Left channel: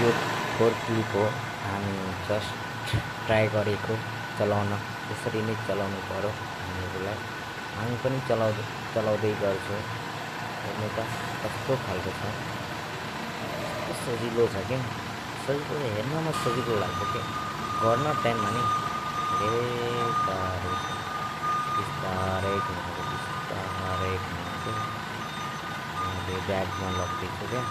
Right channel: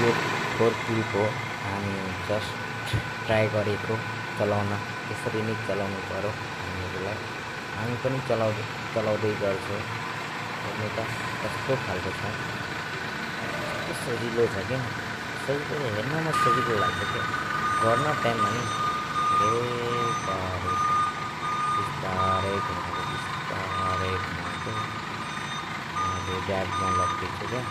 यो four click हो, हामी जस्ट ट्राई गरेको चलाउन। यसरी नै चलाउनु पर्यो हामीहरूलाई। हामी पनि चलाउँदै गर्छौँ। हेर्नु त कस्तो खालको छ, कस्तो सजिलो छ क्या, सजिलो हेर्नमा सजिलो लाग्छ क्या, गर्न टाइममा नि धेरै गाह्रो छ। बिस्तारै घुमाएको मैले ब्यागमा लगिदिन्छु क्या।